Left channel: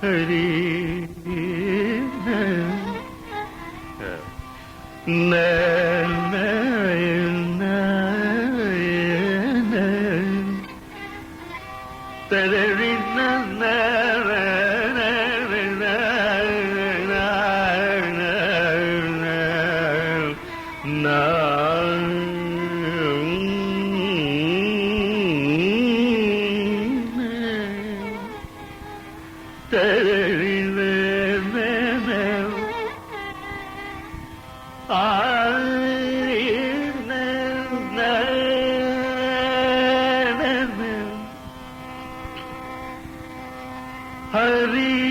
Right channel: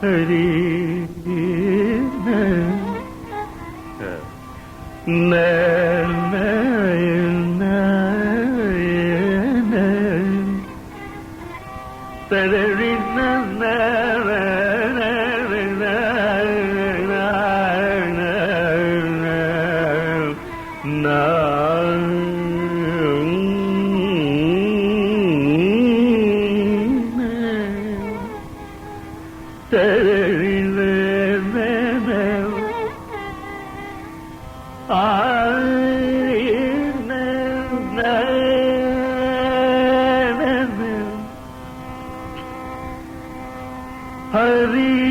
ஹரி ந ந ந தரவி ஹரி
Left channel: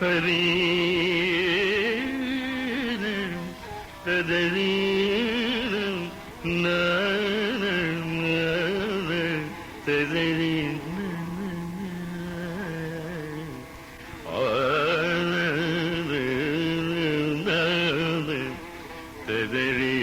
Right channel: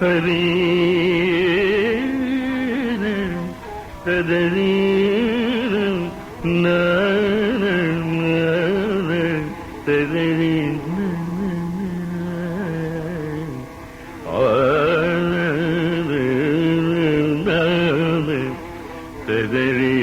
ஹரி சதரி சதரி சதரி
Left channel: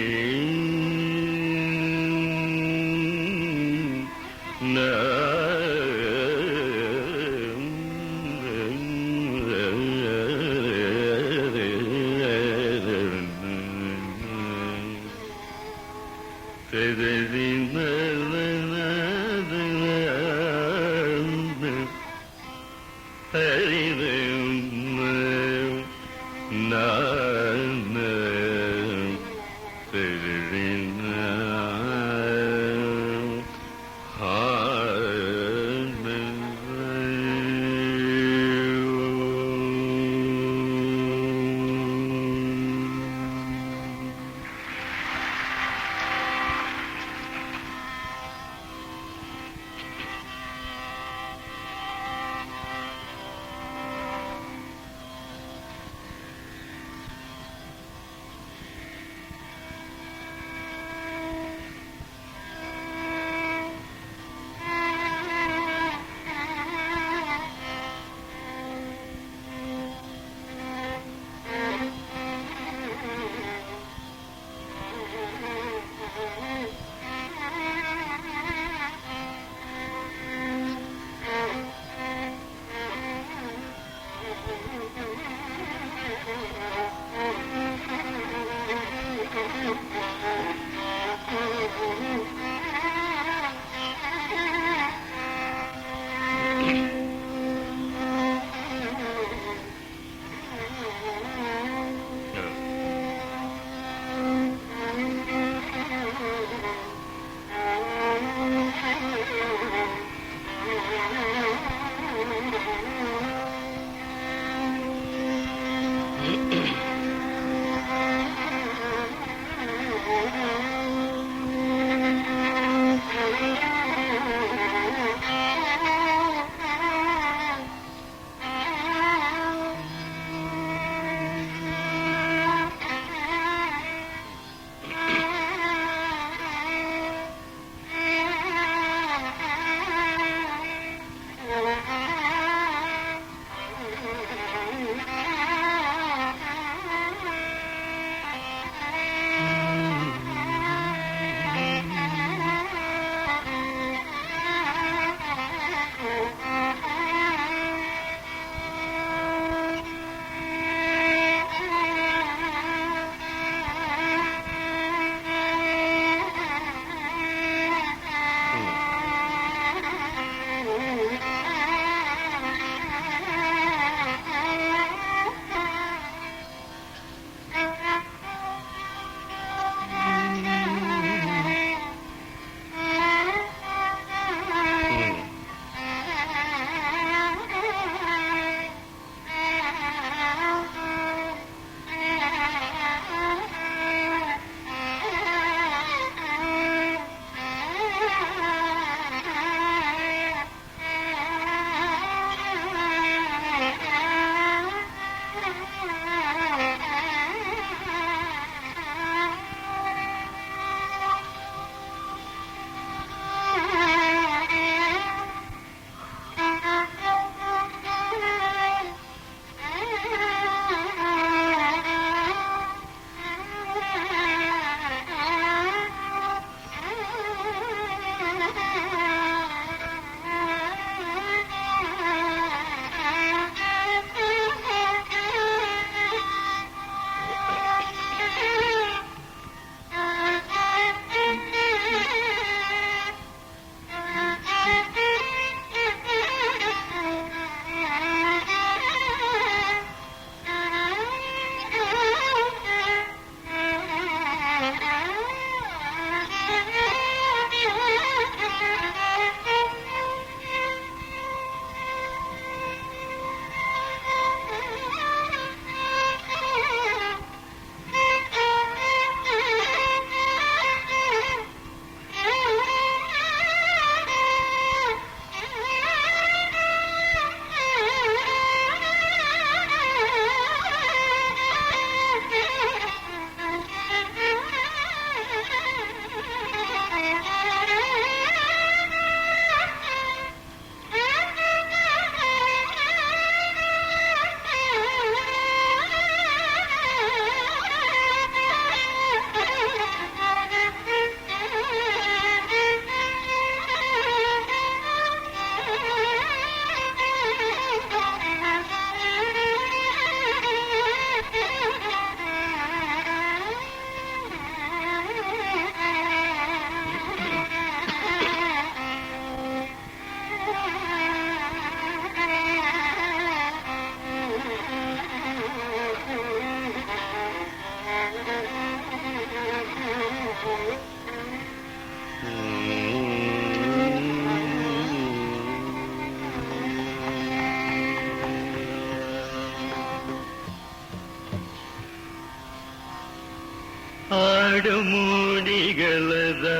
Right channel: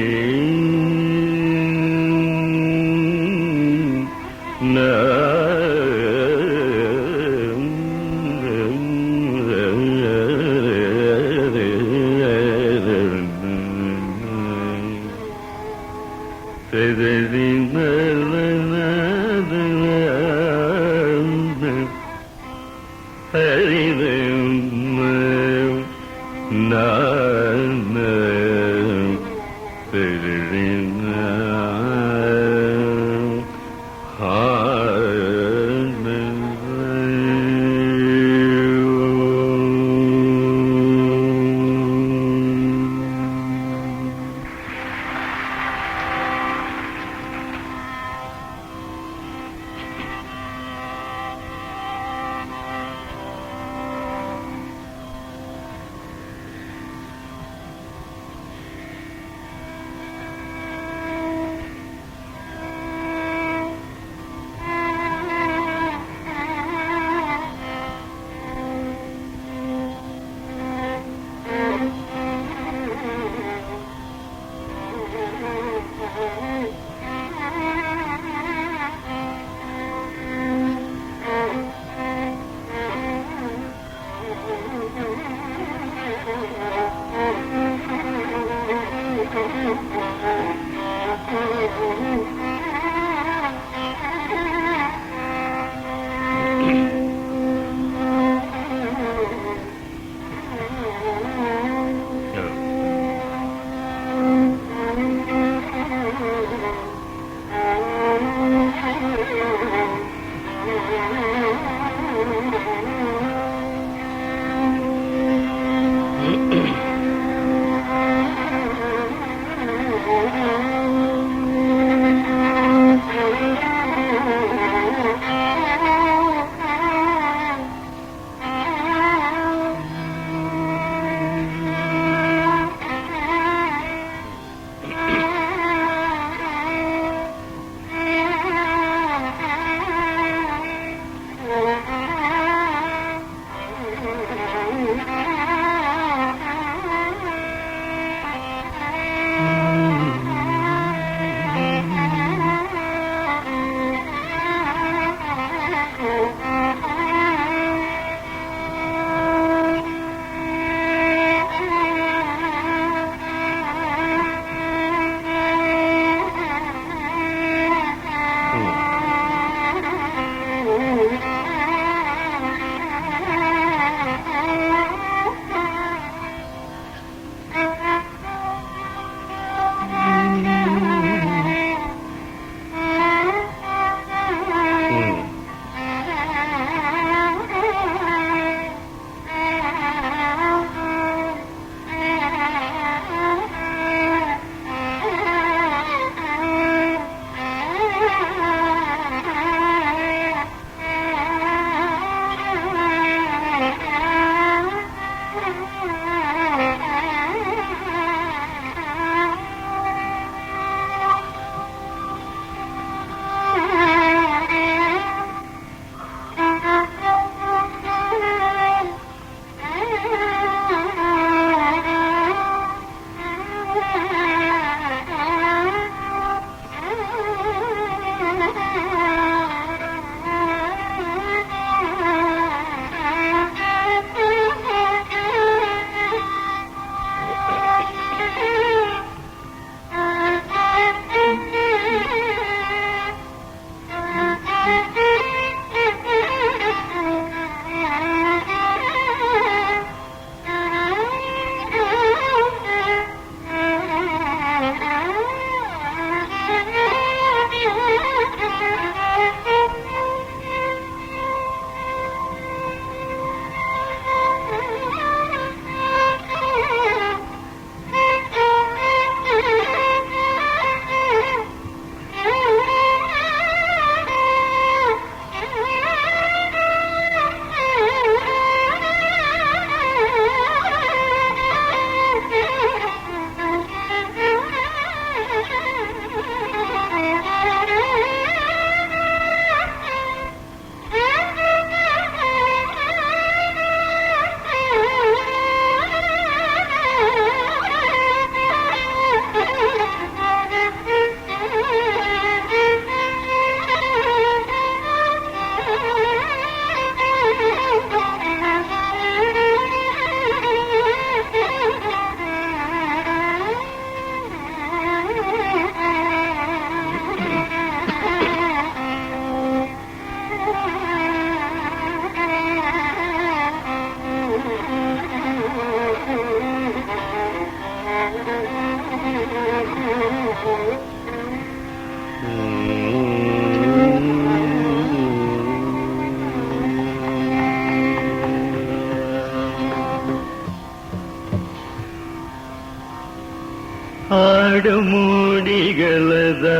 ఆడమోడిగలదా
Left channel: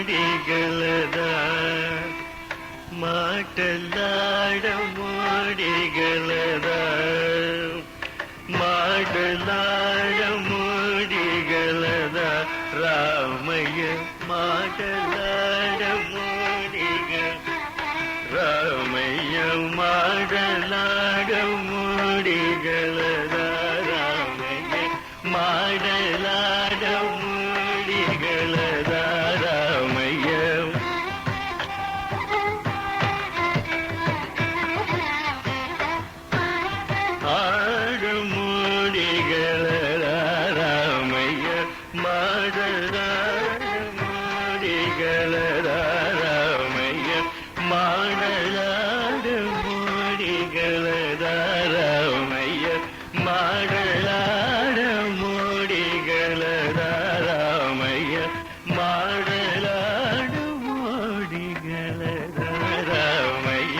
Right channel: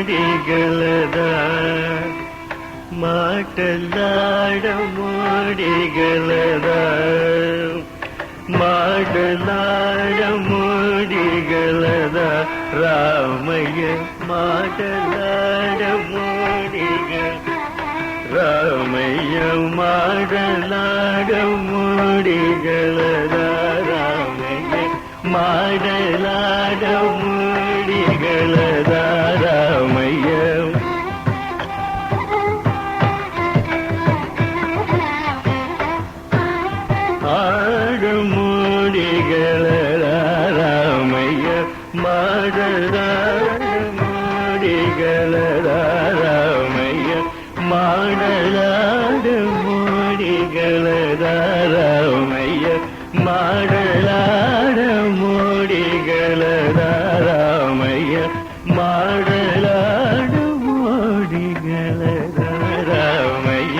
ఆడమోడిగలదా మాటలాడమోడిగలదా మాటలాడమోడిగలదా రామయ్య మాటలాడమోడిగలదా రామయ్య మాటలాడమోడిగలదా రామయ్య మాటలాడమోడిగలదా రామయ్య ఆడమోడిగలదా రామయ్య మాటలాడమోడిగలదా రామయ్య మాటలాడమోడిగలదా రామయ్య మాటలాడమోడిగలదా రామయ్య మాటలాడమోడిగలదా రామయ్య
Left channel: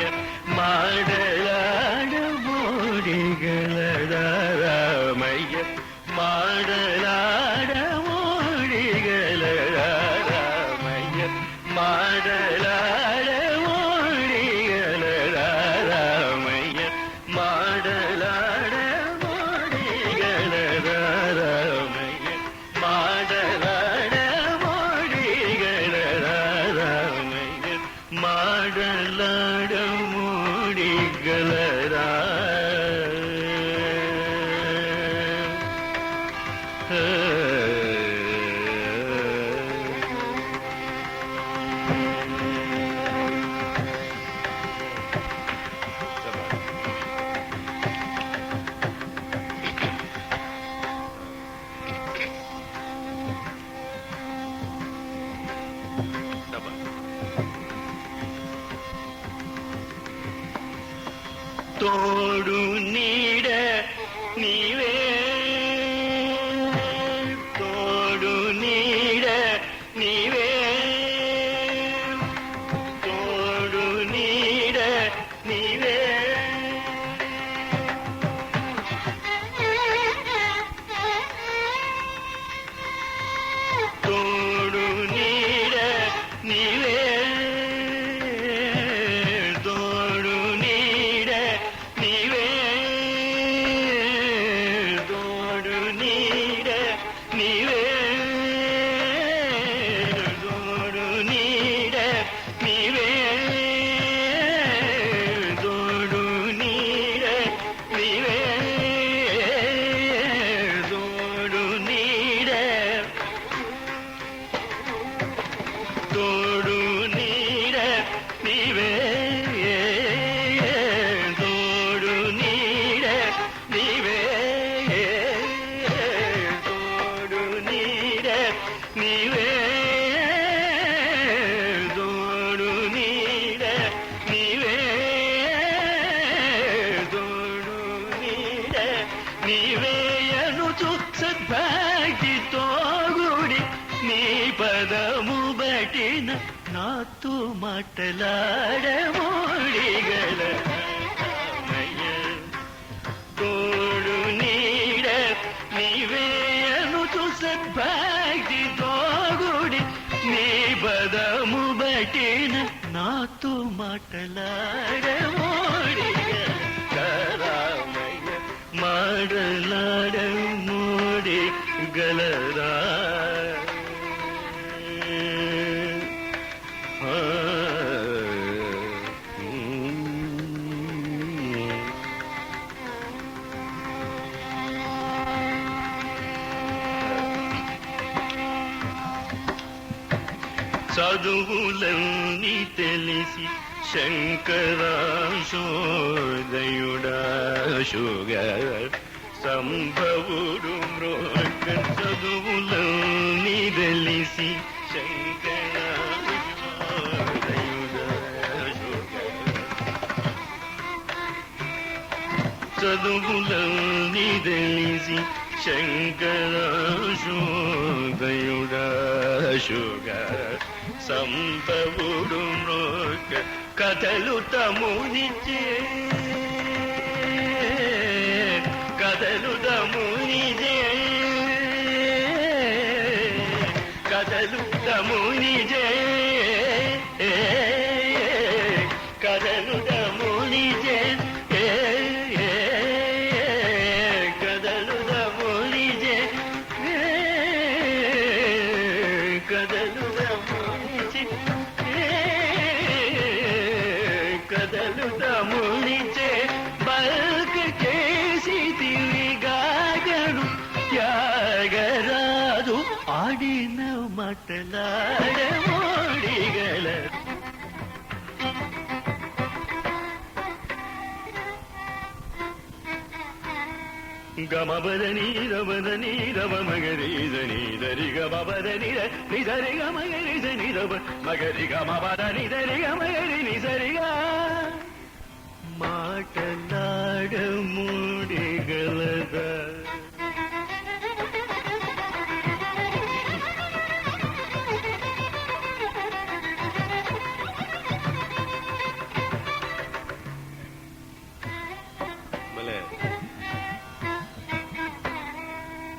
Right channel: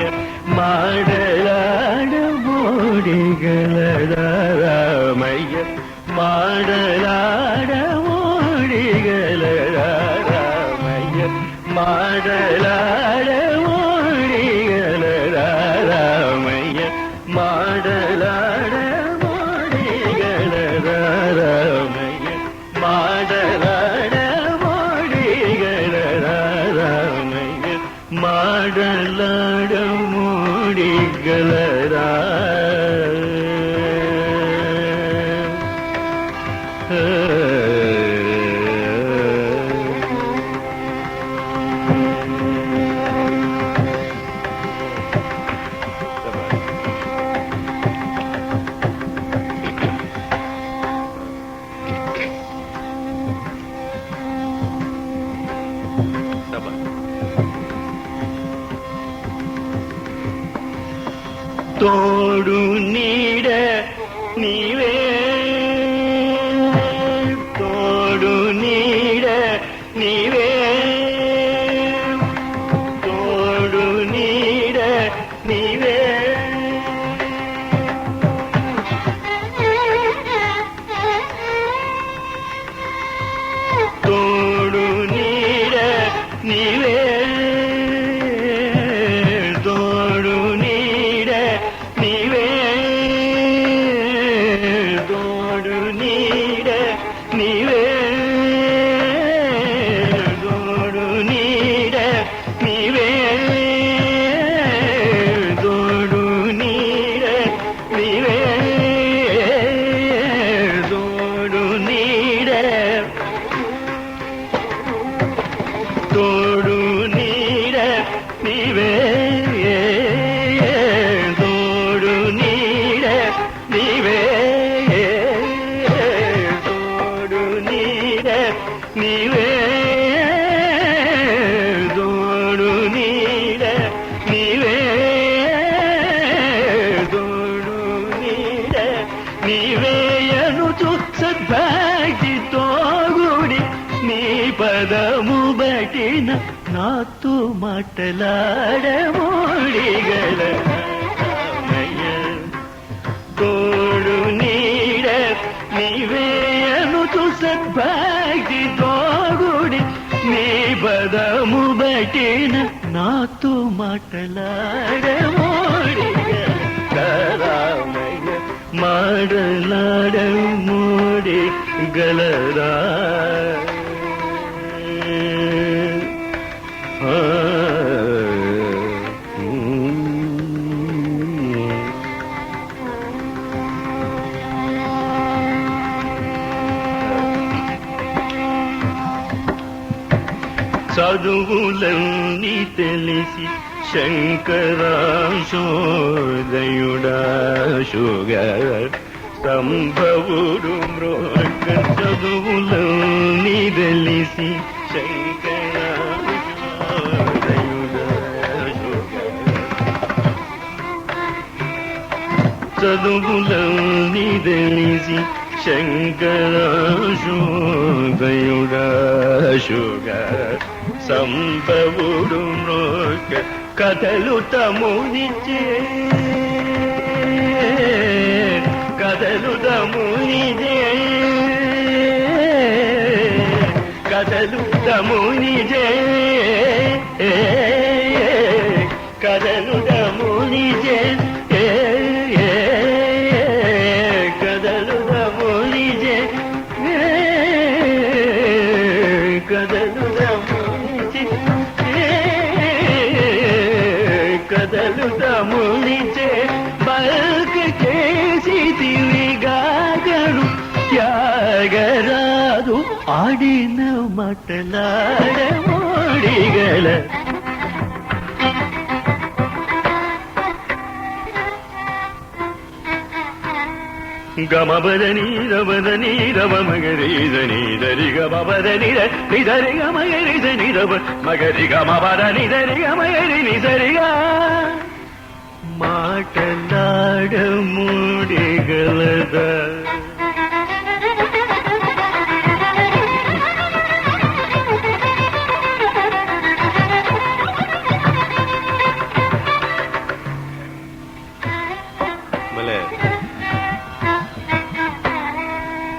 మాటలాడమోడిగలదా రామయ్య మాటలాడమోడిగలదా రామయ్య మాటలాడమోడిగలదా రామయ్య మాటలాడమోడిగలదా రామయ్య మాటలాడమోడిగలదా రామయ్య మాటలాడమోడిగలదా తోడు నీడ నీవే తోడు నీడ నీవే తోడు నీడ నీవే తోడు నీడ నీవే తోడు నీడ నీవే తోడు నీడ నీవే తోడు నీడ నీవే తోడు నీడ నీవే తోడు నీడ తోడు నీడ నీవే తోడు నీడ నీవే తోడు నీడ నీవే తోడు నీడ నీవే తోడు నీడ నీవే అనుచు సద్భాగ్య తోగుడి నీ పదము బటిన నాతో మాటలాడమోడిగలదా రామయ్య తోడు నీడ నీవే అనుచు సద్భాగ్య తోగుడి నీ పదము బటిన నాతో మాటలాడమోడిగలదా రామయ్య మాటలాడమోడిగలదా చదువులన్నీ తెలిసి శంకరాశోదయుడా శుగర్ సంభవుడు మ్రోక చదువులన్నీ తెలిసి శంకరాశోదయుడా చదువులన్నీ తెలిసి శంకరాశోదయుడా శుగర్ సంభవుడు మ్రోక కదలుట మునిచే కదలుట మునిచే కదలుట మునిచే కదలుట మునిచే కదలుట మునిచే కదలుట మునిచే కదలుట మునిచే బల్కేసి తిరిగాగడు త్యాగరాదు ఆడిన మాటలాడ మోడిగల గమబదని రవదని రవ మగరిదని దరిగ బబదని నిదరిగ మగరిదని రవ మగరిగ మబదని దరిగ మగరి నిదరిగా మాటలాడ మూడిగలద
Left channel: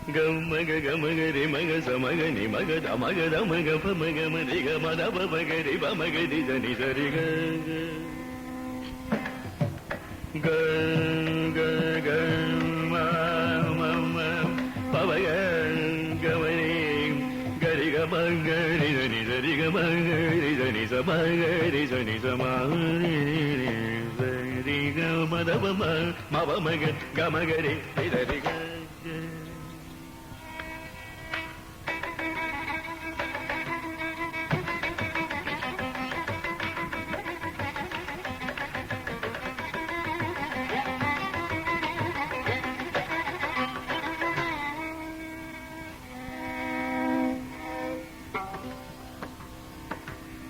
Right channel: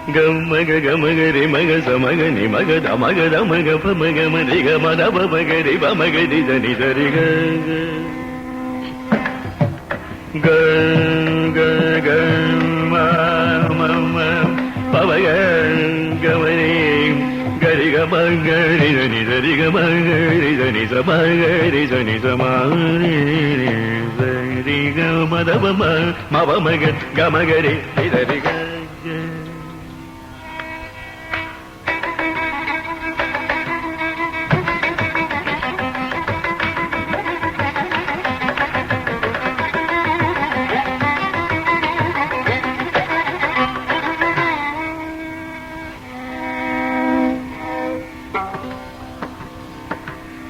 గమగ గమగరి మగ సమగని మగద మగద మగ పమగ మరిగ మద పమగరి పమగరి దని సరిగ గ గ గ మమ పవగ గమరి గరి గమగరి దని సరిగ మగరి దని సమగరి దని సమారి సరిగ మద పమ మవ మగ గమగరి సరిగ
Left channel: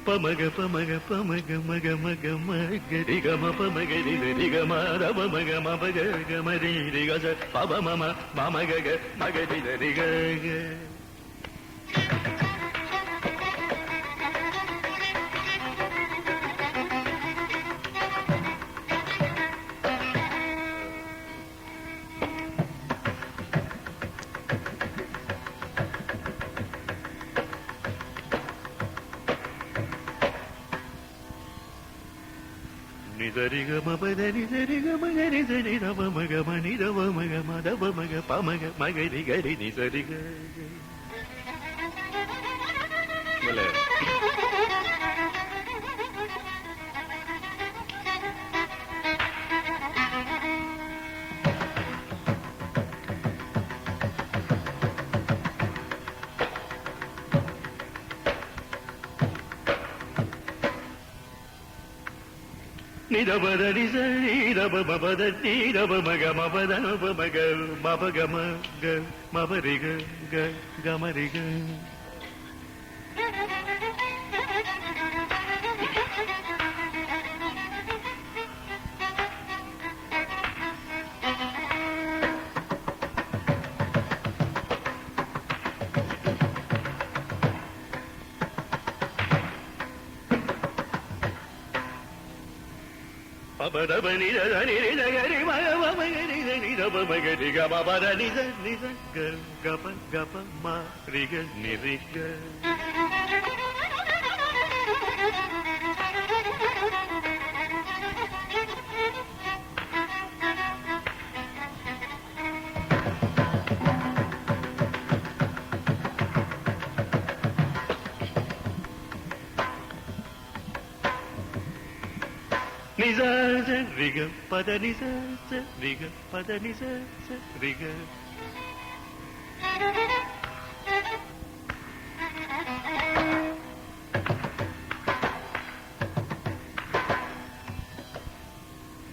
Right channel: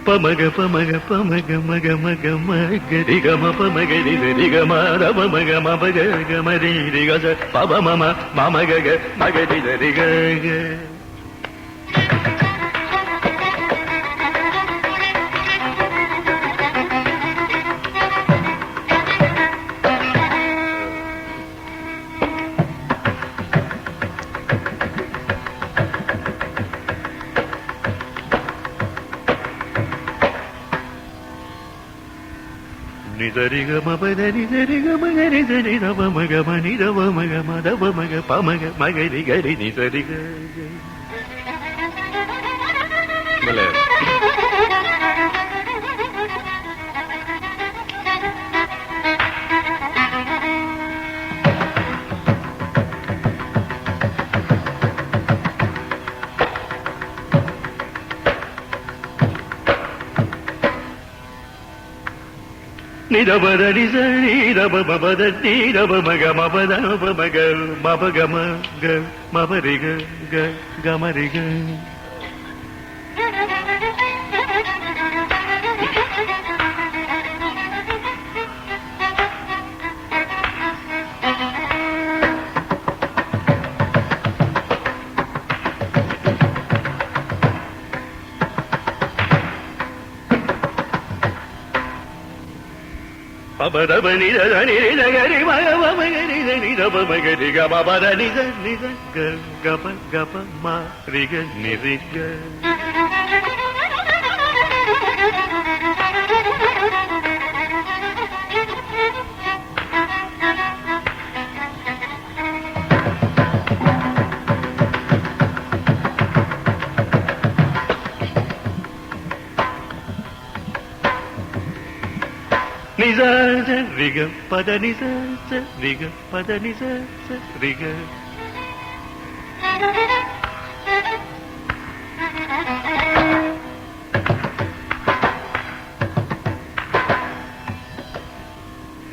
పమగ పమగ పమగ మగ మగ మగరి గమ పమగరి రి గమ రమ మగ మగ గమరి రి గ పమ మమ మమ గగ మగరి రి గ నిదరిగ మబదని దరిగ మగరి దరి రవ మగ మని రవ మగ మదవ మగ పమగ మగరి గరి నిదరిగ మల నిరబదని సరి రబ మబదని రబ మగ మబద మగ మబ గమ గ మబరి గ గ గమరి గ పబరబని దని గరి మగ మగరి దని రబ మగరి గ బబదని దని గ గప గప మ రి గ ని రి గ నిజ రిగ పద నిజ రిగ పద నిజ రిగ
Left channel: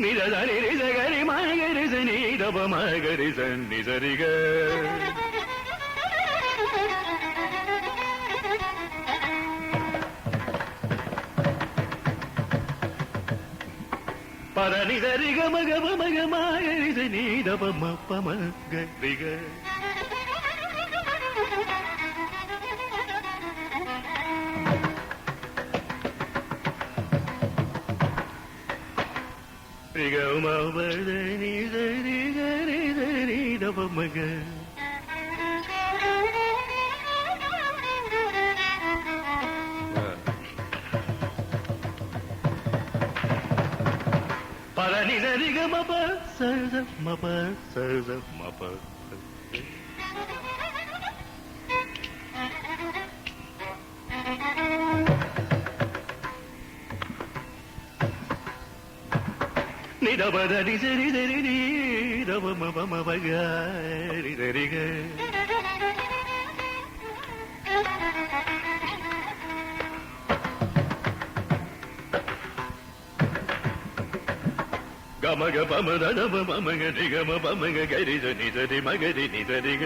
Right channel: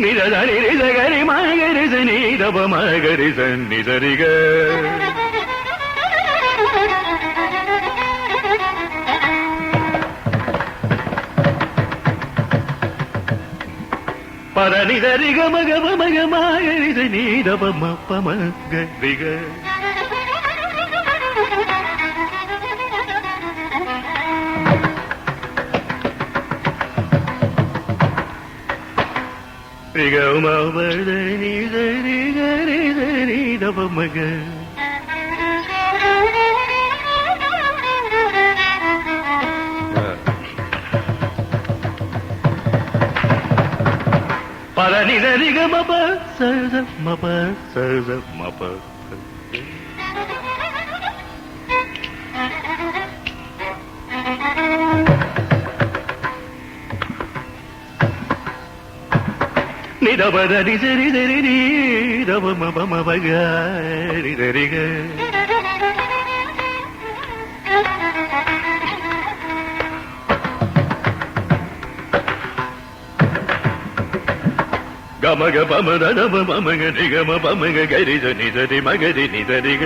నిరదని రిజ గరి మగరి సని రబ మగరి సని సరిగ పదని దరి గమ గమ మగ మాగరి సని రబ మ పమ గరి గ ரிகமபதனி சரி கரி சரி தபமக பதனி சரி கமப சத மப சத மப நிதபதனி சரி சரி நீ தபமபமபகரி சரிக கமக பமத நப பமக நிகம பமக கரித நிதரி மகரி நிதரிக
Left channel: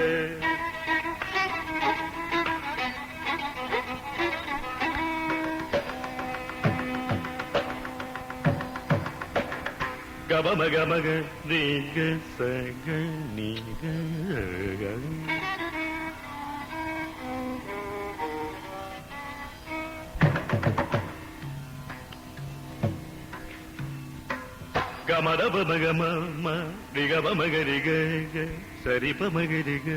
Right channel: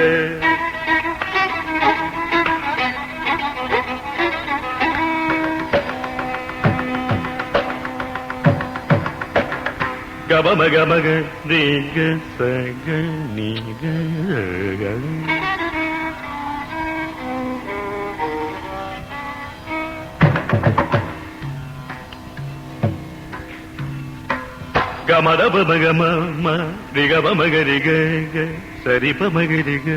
கமக கமக நிக சக நிக கமத பமக ம ரிக பமக ரிக சரி பமக ரிக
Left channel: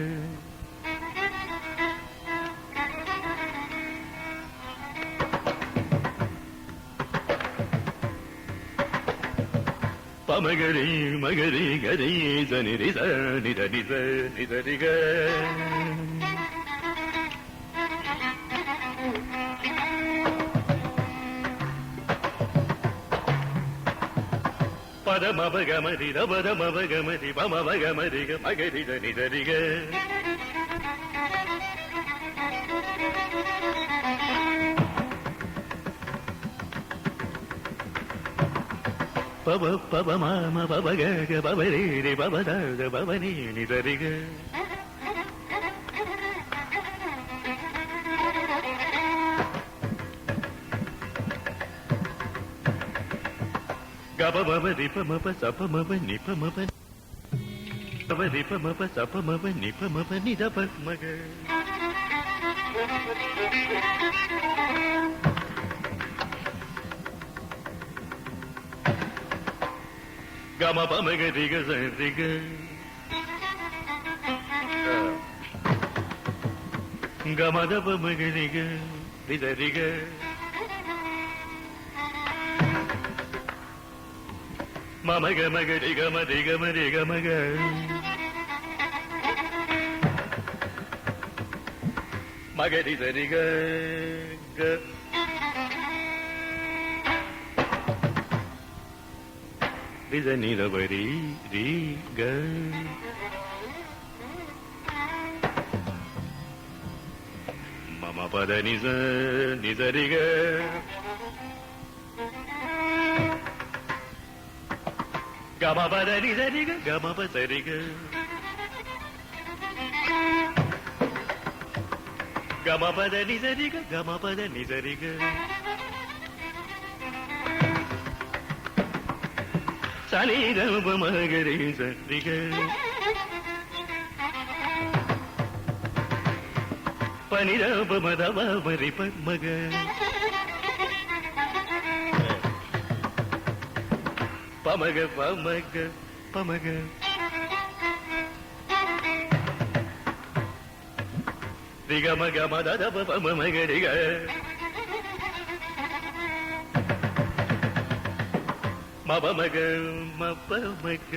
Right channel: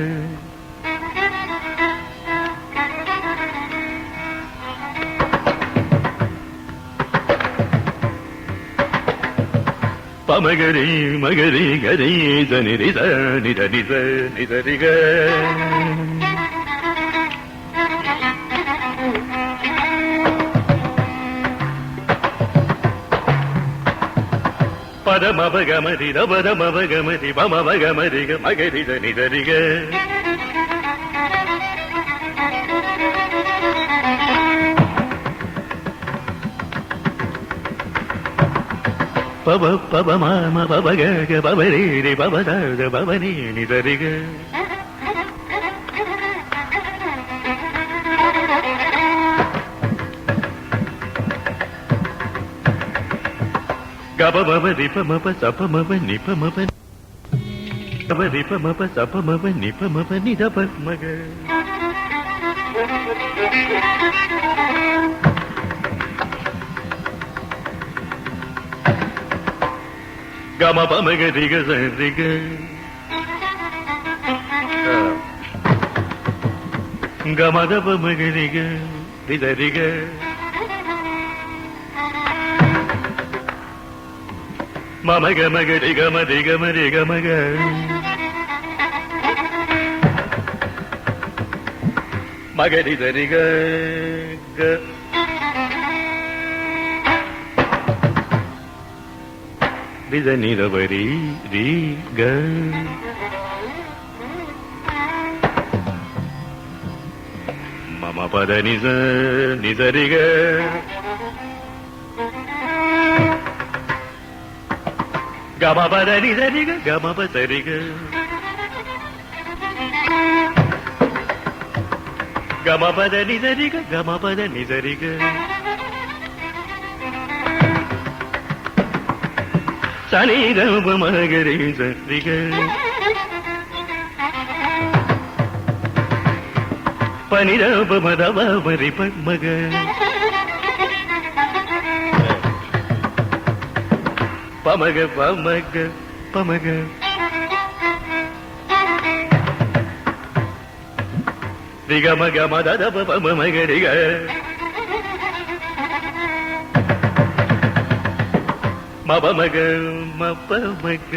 பமகரி மகரி கரி தனிரித நிதனித நிதரிக பதமபகமரி ரபதமபகமரி பமபகமரிக மகரித நிதரிக பப பப மாம பபக பபரீரி பபதாத பவனி நிதரிக கபபதி பமப சபமப நிபமப பபதி பமப சபமப நிபமப நிதப மக கம பமக ரிக சரிக கமத பமக ரிக ரிதரிக மமக மக ரிகம ரிகம ரிகமக மகரி சரிக வித நிரவரி ரி க மம பத நிச நிசரிக கம பத நிசரிக கம பசரிக கம பத நிசரிக கம பத நிசரிக சனிதப மகரி சரிக பனிதப மதப மரி பமக பமக பமக பமக ரிகமக மதப பமகரிக மபமக மபமக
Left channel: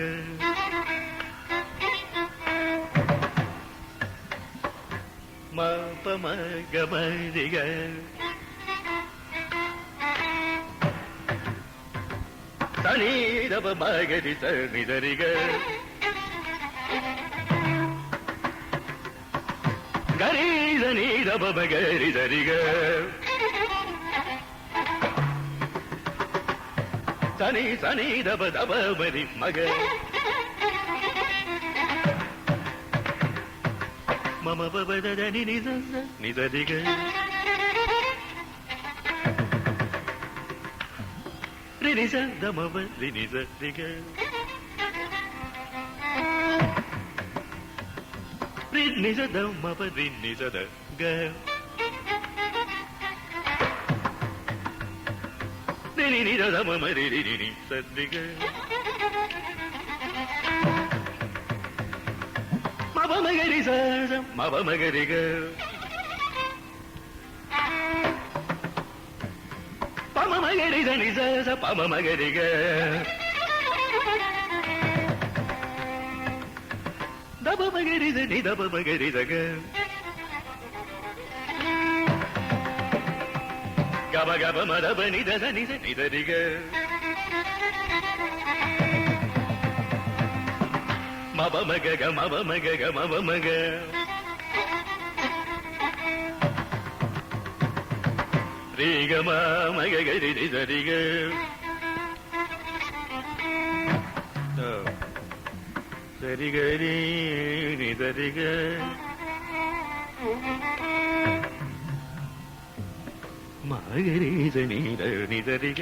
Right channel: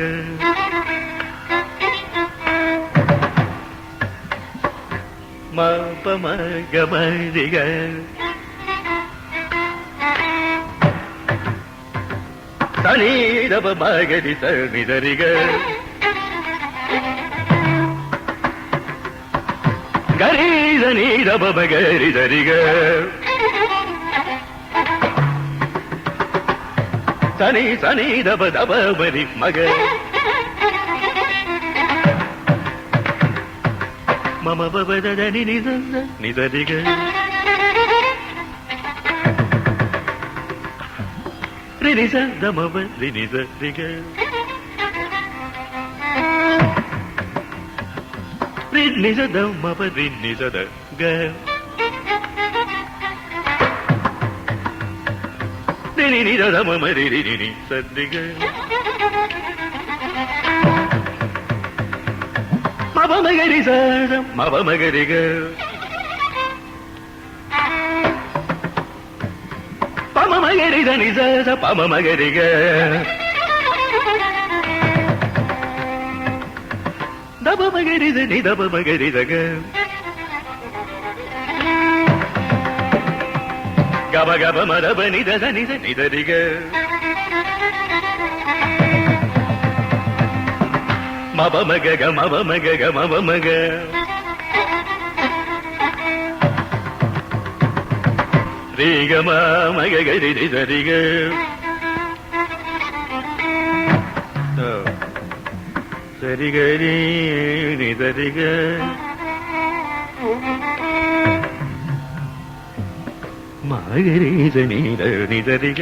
மபமக மரிக தனிதப மகரி சனிதரிக கரீத நீதப மகரி சரிக சனி சனி தப தப மரி மக மம பபத நித நிதரிக ரினிச தமப ரினித ரிக ரினிச தமப ரினிச த க ரினி நித தம மரி ரினி சதிக மபமகரி சம் மபமகரிக பமமகரி தனி ச பமமகரிக தபமகரி தனி தபமகரி தக கப கப மரப நித நித நிதரிக மபமக மபமக மபமக ரீகம மகரி நிதரிக சரிகரி நிதரிக மகரி நீத நிதரிக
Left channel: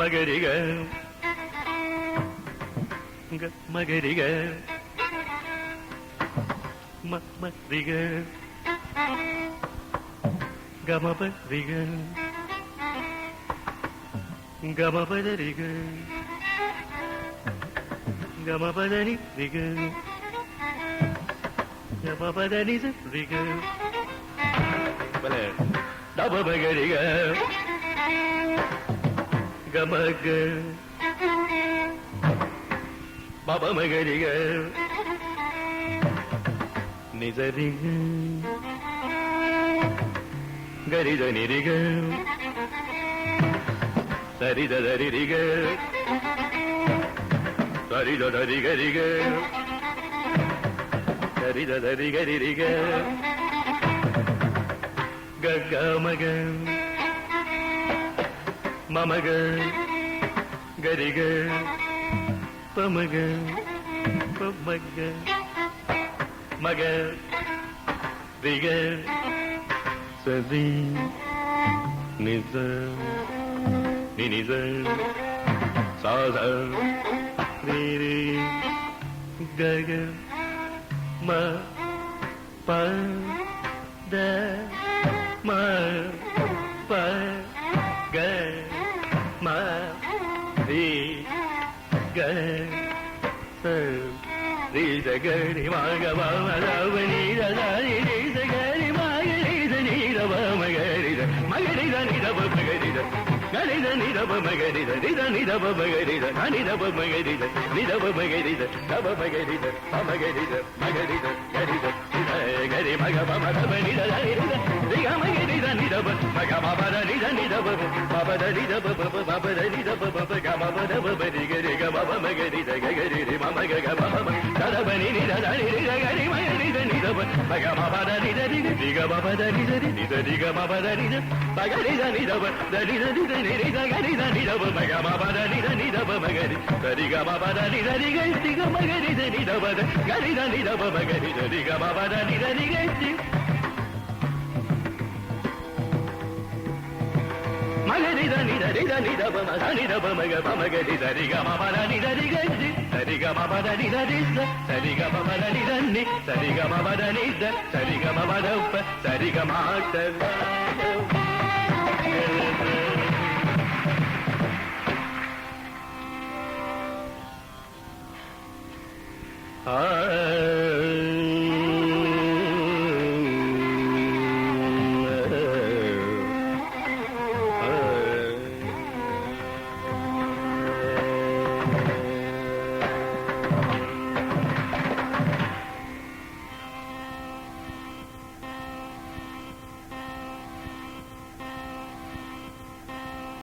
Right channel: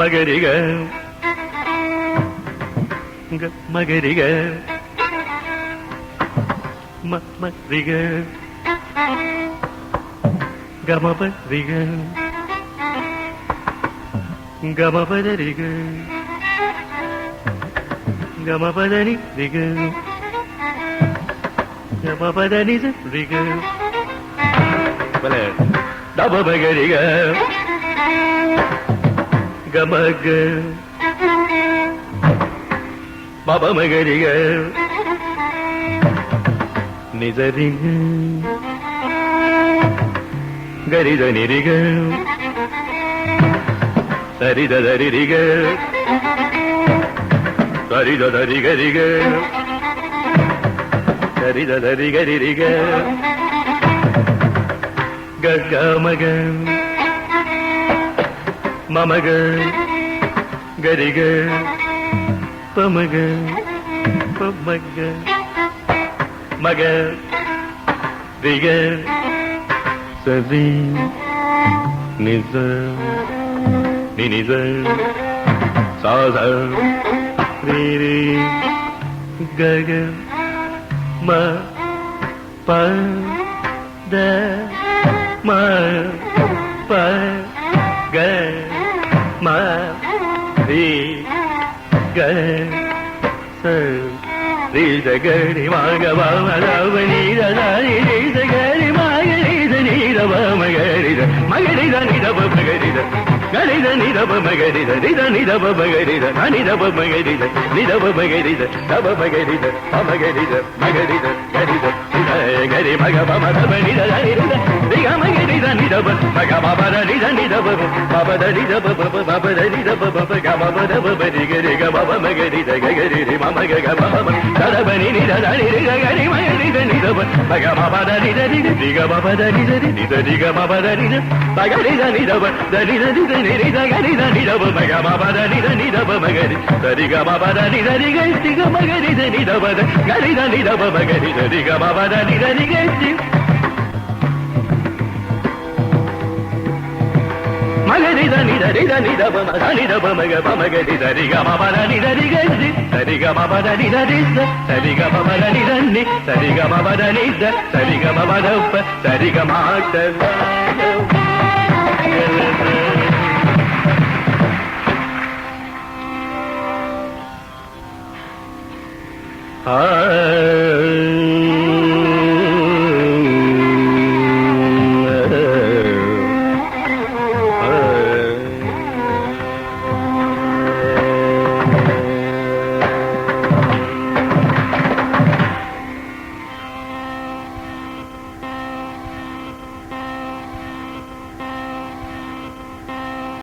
மகரிக மகரிக மரிக கமபரிக கமபதரிக கமபதனி ரிக கமபதனி ரிக தபமகரிக கமக பபமகரிக நிதரிக கரித நிரிக சரிதரிக சரிதரிகரிக சரிதரிகரிக கமக மமக கரிக பமக பமக மக ரிக சதி நிச நினிச சாத ரீரி கக ம ப த ம ப க ம ரி க ச ரி த க ரி ம க ப ம த ப நீ த த ரி த க ரி ம க ரி த நீ த ப ம க ரி த ம க ரி த நீ த ப ம க ரி த க ரி த நீ த ப ம க ரி த ரி த நீ த ப ம க ரி த ந நீ த ப ம க ரி த நீ த ப ம க ரி த த ப ம க ரி த ப ம க ரி த ம க ரி த க ரி த க ரி ம க ப ம த ப நீ த த ரி த ரி க ம க ரி த நீ த ப ம க ப ப த நீ த நீ த ப ப ப த நீ த ப ப ப ப த நீ த ப ப ப க ப ப த ப ப ரி க ரி க ப ப ம க ரி த க க ரி ரி ம ம க க ப ப ம த த ப நீ நீ த த ரி ரி க க ரி ம க ரி த நீ த ப ம க ப ப த நீ த ரி ரி க ப ப த நீ த ரி நீ த ரி க ப ப த நீ த த க ரி த நீ த ப த நீ த நீ த நீ ரி த க ரி த நீ த ப ம க ப ப த நீ த நீ த ப ம க ரி த ரி க ப ப த நீ த ரி க ரி க ம க ரி த நீ த ப த க ரி த நீ த ப ம க ரி த ரி க ப ப த நீ த ரி க ரி மகரி த நீ த ரி த நீ த ப ம த நீ த ப ம க ப ம க ரி த ரி க ப ப த நீ த ரி க ரி த ரி க ப ப த நீ த ரி த த ரி க ப ப த நீ த நி த ரி க ப ப த நீ த த ரி க ப ப த ப த ரி க ம த ஆ